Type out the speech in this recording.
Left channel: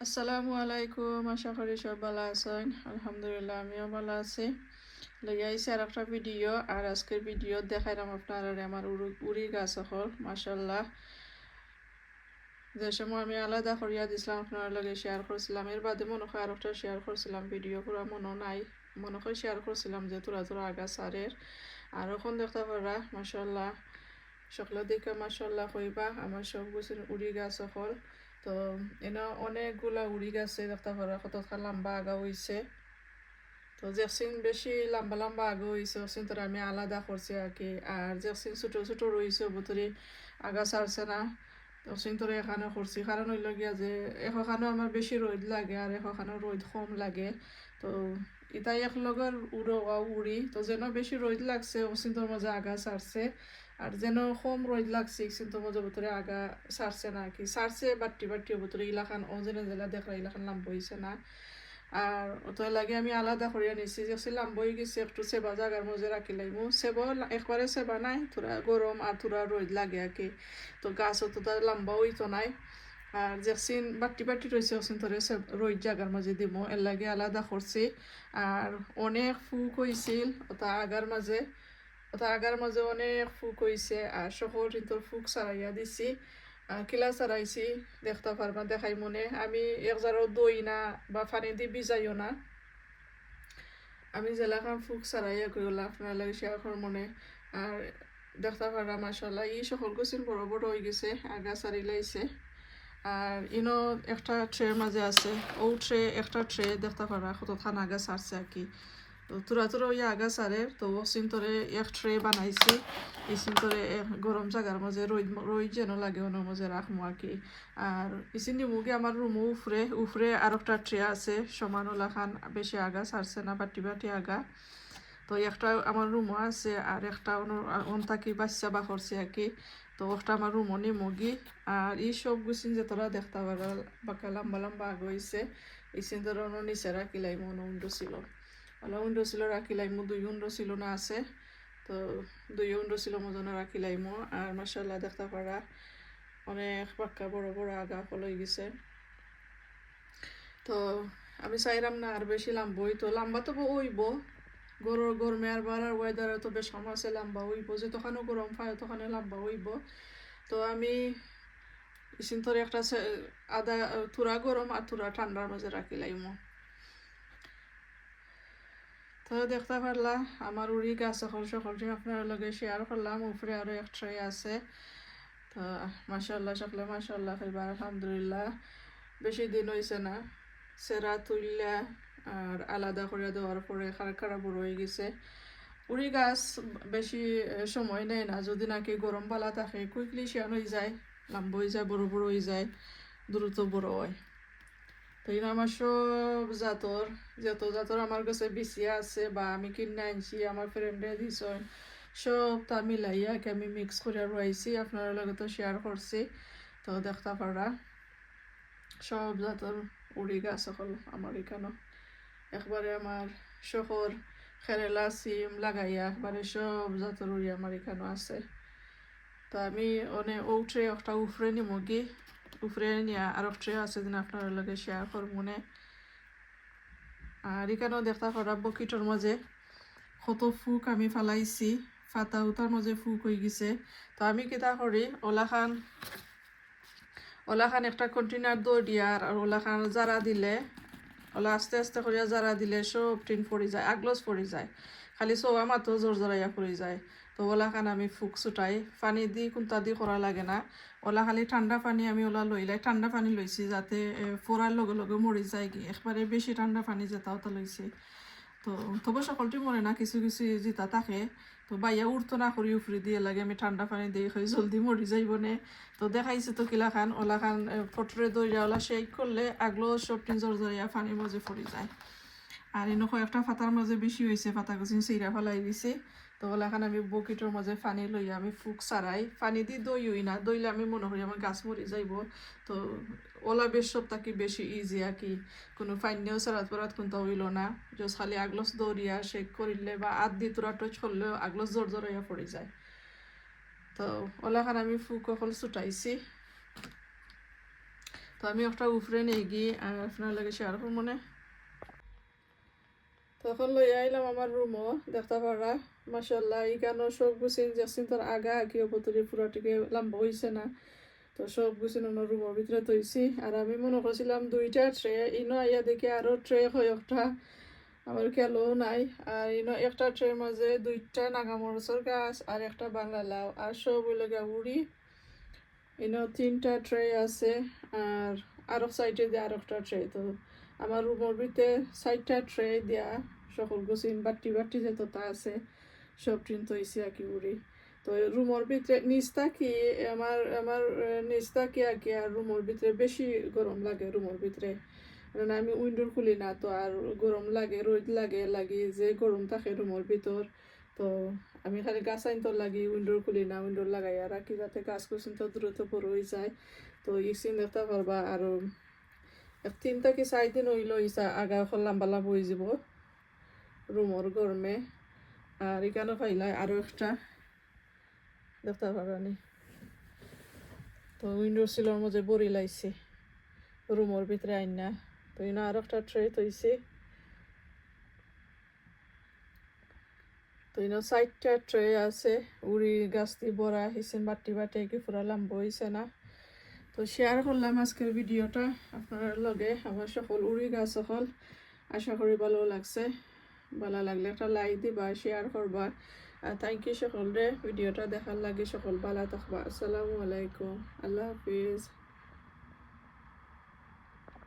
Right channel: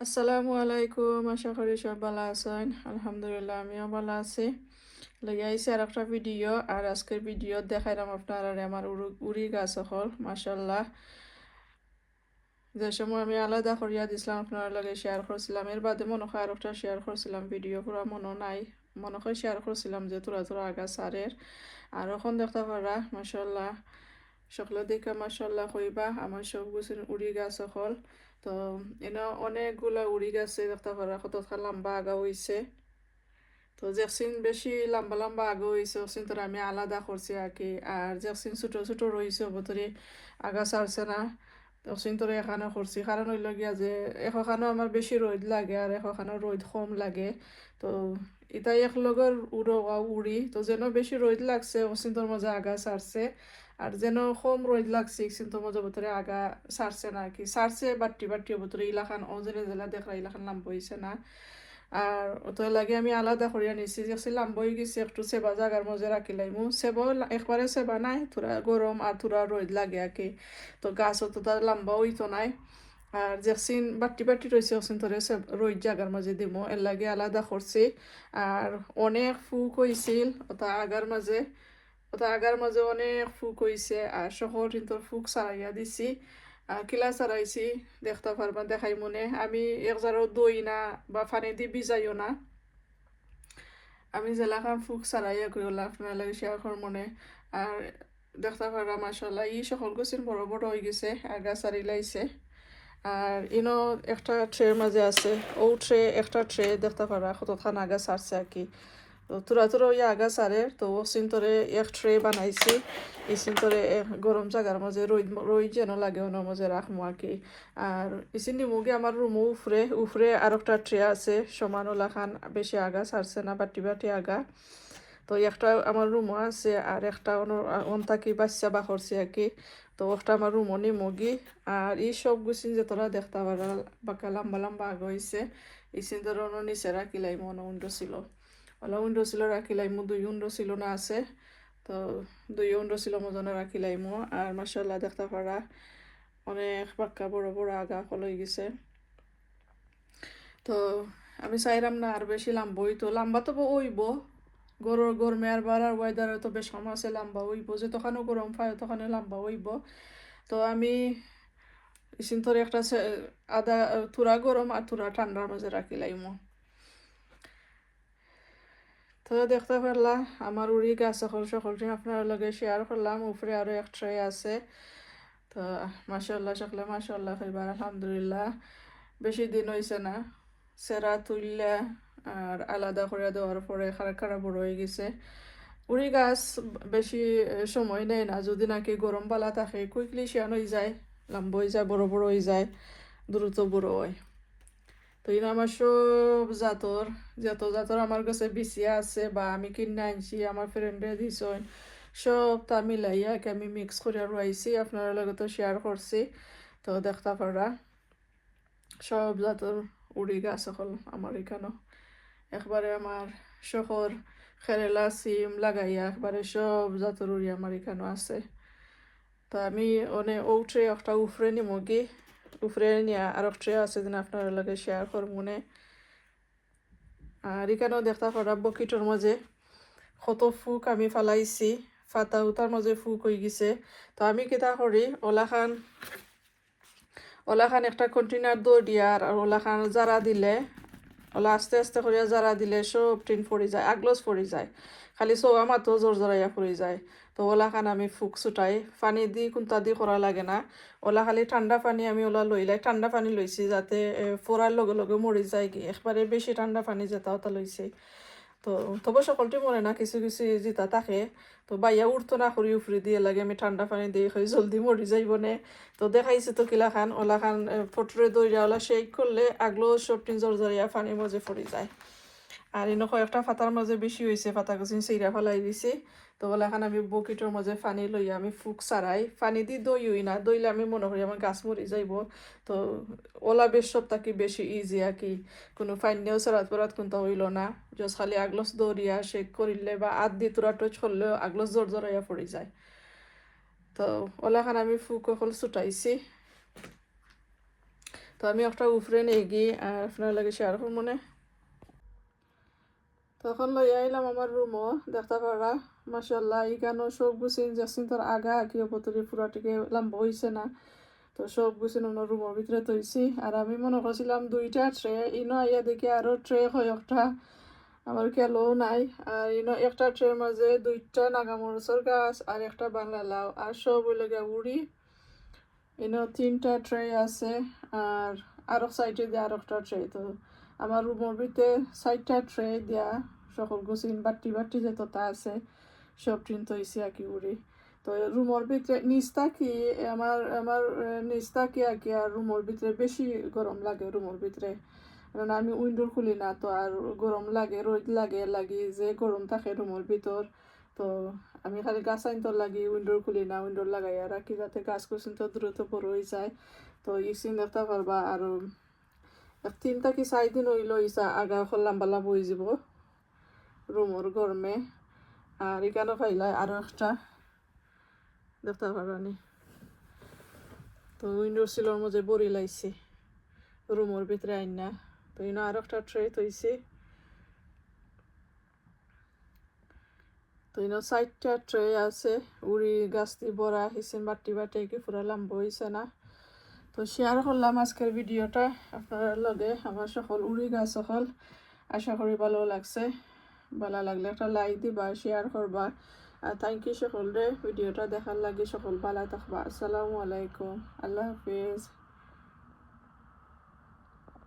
আসসালামু আলাইকুম, আশা করি সব ভালো আছেন। আলহামদুলিল্লাহ আমিও ভালো আছি। লেগে আইসি আর একটা ভিডিও, আর আজকের ভিডিও দেখাইলাম আপনার আর আমার উড়ি গাছ হল মাসাল্লাহ। যে সময় আমি আলাদা করিয়া দিছিলাম আপনার লগে শেয়ার করছিলাম, এর বাদে মনে হয় আর একটা শেয়ার করছিলাম ভিডিও, পুরো মনে নাই, মনে হয় শেয়ার করছিলাম যে তোরা তোরা আগা সারের। আর এখন দেখতে পারা মাসাল্লাহ সকলে দেখে মাসাল্লাহ কইবা আমার সব গুছের উড়ি গাছ হল। তো এনে অনেকগুলা উড়ি গেছে দেখতে পারা, কত লম্বা আগা হইছে। তো যেকসিন বেশি লম্বা লম্বা আগা হইছে ওসিন তোর আমি আলাদা করছি আর কি, আর যেকসিন ছোট ছোট রয়েছে অবতরে আগা ছাড়ছে না, ওসিন তোর এখানে করছি। কারণ হইল গিয়া যে এখানে আমার বেশি রোদ লাগে আর এখানে রোদ কম লাগে। তো এটাই এক লগর উড়ি, তো যেন বেশি রোদ লাগছে ওসিন তোর মাঝে আগা ছাড়ছে, আর যেন কম রোদ লাগছে কিন্তু মজা বতরে আগা সারছে না আর কি, সারছে বাট্টি বাট্টি বতরে ইলাখান অজেলা জেলা দেখরা ইলাখান লাম্ব হয়েছে না। আর তো লাগে আমি আলাদা করিয়া নিছি, যে লাম্ব হয়ে গেছে একটু সেবা জাগার মধ্যে রাখি লাইমু, সেবা একবারে সেবা নাই, তোরা গরম আর তোরা রোদ লাগে আর কি। তো গাছও তো তার লম্বা হইতো নাই, আর যেসিন বাট্টি বাট্টি রয়েছে ওসিন তোরে রোদ জাগার মাঝে দিব, এর লাগে আলাদা করছি। আর অনেক ফুক হয়েছিল ওটা আগার মাঝে, ওটা আগার মাঝে অনেক ফুক হয়েছে, আর শহর কিন্তু ফুক সারাইয়া দিছি। আর কিলা সারাইছি দেখতে পারবা, দেখাই মনে আমি একজারও দই না বা পানি দিয়ে ভিজাইও না, আমি জেলাখান ফুক সারাইয়া কইলা আপনার লাগে শেয়ার কর মনে। আর দেখতে পারবা মাসাল্লাহ ই সকল গছিন বড় বড় হয়ে গেছে আর গাছ সারি লাইছে। আর ইনো একটা ট্রের মাঝে আছে, ও ট্রে একটা ট্রে দেখতে পারা কতখান আগা সারছে আর কি। তো তোরা তোরা ওই আগা সারে তো সিন্তরে এক ট্রে বানাইছি, এই সিন্তরে গরম জায়গার মাঝে রই রই যেন লাগে ওনার মাঝে রাখবো আর কি। আর ইসিনি মুগে আমার রুমও উফরে উফরে আর একটা ট্রে আছে সমান ওলাখান, বেশি আগা সারছে না, বাটি বাটি আগা। তো একটা আমার রুমও আছে আর একটা অন থাকি বাচ্চা বা করছে আর কি। তো একটা আমার রুমও নি মগি। আর এই সব গুছিন যে তোরা দেখতে পারা বাঁকা লম্বা লম্বা আগ হয়েছে, এই সিন্দর নিচে রাখিলাই মনে উন্ডো ছিল, ওলা উন্ডো ছিল রাখিলাইমু, দুই উন্ডো ছিল না আছে। তো দুই উন্ডো ছিল মজনে রাখিলাইমু। আর মাসাল্লাহ দেখতে পারা অনেক বাক্কা বড় বড় আগা হয়ে গেছে। তো আমি চাইলাম না আর বেশি লাম্বা হইতো, লাম্বা তো হইব, গরমে আর বাড়ার ওয়েদারে তো বেশ সমস্যা লম্বা হইব, যে তখনও গরম পায় তখন লম্বা হইব। তো আমি ইসিন তোর একটা আদা তুরা গরম আর তুরা ঠান্ডার মাঝে রাখিলাইমু। তো দেখতে পারলা আমার উড়ি গাছ সকলটি আপনার লগে শেয়ার করলাম, উপরে আরো এক ট্রে আছে। তো মাশাল্লাহ সকলে মাশাল্লাহ এবার আলহামদুলিল্লাহ বেশি দিন হয়েছে না সেরা তুললে আর আলাদা করে দেওয়ার পরে খারাপ খারাপ বড় হয়ে গেছে। উড়ি গাছ বেশি সময় নেয় না, যদি নাকি গরম পালা থাকে কুইকলি শিয়ান হয়ে যায়, লম্বা হয়ে যায়, বড় বড় হয়ে যায়, দ্রুত বড় হয়। তো এই আমার সব জাতর, যত জাতর আমার কাছে বিছিয়া আছে বা আমি কিনে আনছি আমার ফ্রেন্ডে দিছ, সব তা মিলাইয়া আমি মিক্স করে রয়েছি আপনার লগে তো শেয়ার করছি। তো দেখতে পারা সব জাতর উড়ি গাছ সকল আমার এখানে, একবারে আমার শহর কেরালা সিম লাগাইয়া একবারে সব জাতর উড়ি আমার এখানে আছে। তো আমি অনেক উঠে একটা উফরে নিমগি, উফরে নিয়ে আর একটা আছে যেন আপনার লগে শেয়ার করব মনে। আর এখানেও দেখতে পারা বকিটোর মাঝে কত ফুক আমি ফালাইছি, ফাতা উতার মাঝে ফুক হয়ে গেছে। তো আমি কেটা করি ওলাখান একটা কন্টেনার দৌড় দিয়া আর ওলাখান জারা দিলে, ওলা আস্তে আস্তে করিয়া জারা দিলে সব টিন পড়ে যায়, আগলস পড়ে যায়, খালি সব আমার তো জোর জোরাইয়া পড়ে যায়। তো ওলাখান আমি ফুক ছুটাই পানি দি কোনটা দি করা লাগে না, ওলা খালি ঠান্ডা পানি আমি ওলা লইলাই, ঠান্ডা পানি লইছি যাতে ফোড়ার লগে লগে মরি যায় কি, একবারে বেশি ঠান্ডা পানি যেটা ওটা লইছি। তো তবে সকলটি মনে না, কিছু কিছু যেটা থাকে তো বাইয়া উঠতো না করি উফরি দিয়ে লাগে আমি ঠান্ডা পানি দিয়ে খাই জলদি মরি যাইব নে। তো দেখাইছে তো কিলা খান ওলা খান ফটরে দইরা ওলা শেক করলে আগলো সব টিন জরিয়া পানির মাঝে পড়ে যায়। আর এনে কয়েকটা ফাতার মাঝে বেশি হয়েছে, ফাতা গুছিন সেইরা ফেলাই দিছি। তো ওলা খান আমি বকিটোর মাঝে পানি লইয়া আমি ফুক সারাই, পানি দিয়ে দই হই না, দইলে আমি মনে করি আমার গাছ মরি যাইব। তো ওলা বেশ সব তাকি বেশি ইজি আর কি, কোনো ফাইনেও সারাত পরাত কোনটা হইল না, জাস্ট খালি আগলস দৌড়িয়া শেক করিলে বা আদ দিয়ে তোরা টচ করলেও আগলস জোর জড়াইয়া পড়ে যায়। তো ওলা খান আমি ফুক হল ছুটাইছি। তো আমি একটা উফরে নিয়ে গিয়ে আর আপনার লাগে শেয়ার করবো না। তখন লই আইলাম আমার রুমও দেখতে পারা মাসাল্লাহ এখানেও সব গুছিন যাচ্ছেন তোর আগা কি অপতরি পুরাটিকে লম্বা হয়েছে না। তো সব গুছিন অন্য রুমের ভিতরে তৈছি আর আমি মনে করছিলাম 2টা ট্রে ইনো আইয়া দেখি আরও ট্রে হয় একটা আমার খেয়ালও নাই। আর ইনো একটা ট্রের মাঝে 2টা নাগামরিচের গাছ আর একটা বাংলা লাউ আর সব ওই লাগে উড়ি। ইনো 3টা ট্রে আছে আর আরো সাইডে দিয়ে আর একটা ট্রে। তো আমার রুমের ভিতরে 4টা ট্রে দিয়া সকল গুছিন বাটি বাটি যে তোতা আছে সব টিন তৈছি আর কি উড়ি। তো রুমের ভিতরে নিচটা কি আমার আমার নিচটা কি আর কি আর রুমের ভিতরে বেশি গরম লাগে রুমের ভিতরে, কারণ আমি উইন্ডোর খুলি না তো আর গরম লাগে রোদ লাগে লাগি যে গরম থাকে রুমের ভিতর। তো আমি খালি গাছ আনতে লাগি উইন্ডোর খুলি না, উইন্ডোর লাগাই রাখি যাতে গাছ কুসিন তো দ্রুত বড় হয়ে যায়। তো ইসিন দেখতে পারবা আর 3 থেকে 4 দিন হইল ইসা আগা লম্বা লম্বা হয়ে যাব রুমের গরমে। আর এখানে পাইলাই আরো একটা দেখতে পারানি। তো উইন্ডোর সিলের মধ্যে বড়ি লাইছি রুমের ভিতরে আইন না। তো ইনো আরো একটা ট্রে তৈছি। তো ইনো 4টা ট্রে আছে উড়ি গাছ দিয়ে ভরা হিসেন বাটি বাটি কি পুরা লম্বা হয়েছে না। তো শেয়ার করলাম আজকের ভিডিওটা আপনার লগে আমার সকল উড়ি গাছ সকল। আশা করি ভালো লাগছে, ভালো লাগলে একটা লাইক দিবা শেয়ার করবা। আর থ্যাংক ইউ সকলরে ভিডিওটা দেখার লাগে। সকল ভালো থাকবা। আসসালামু আলাইকুম, আল্লাহ হাফিজ।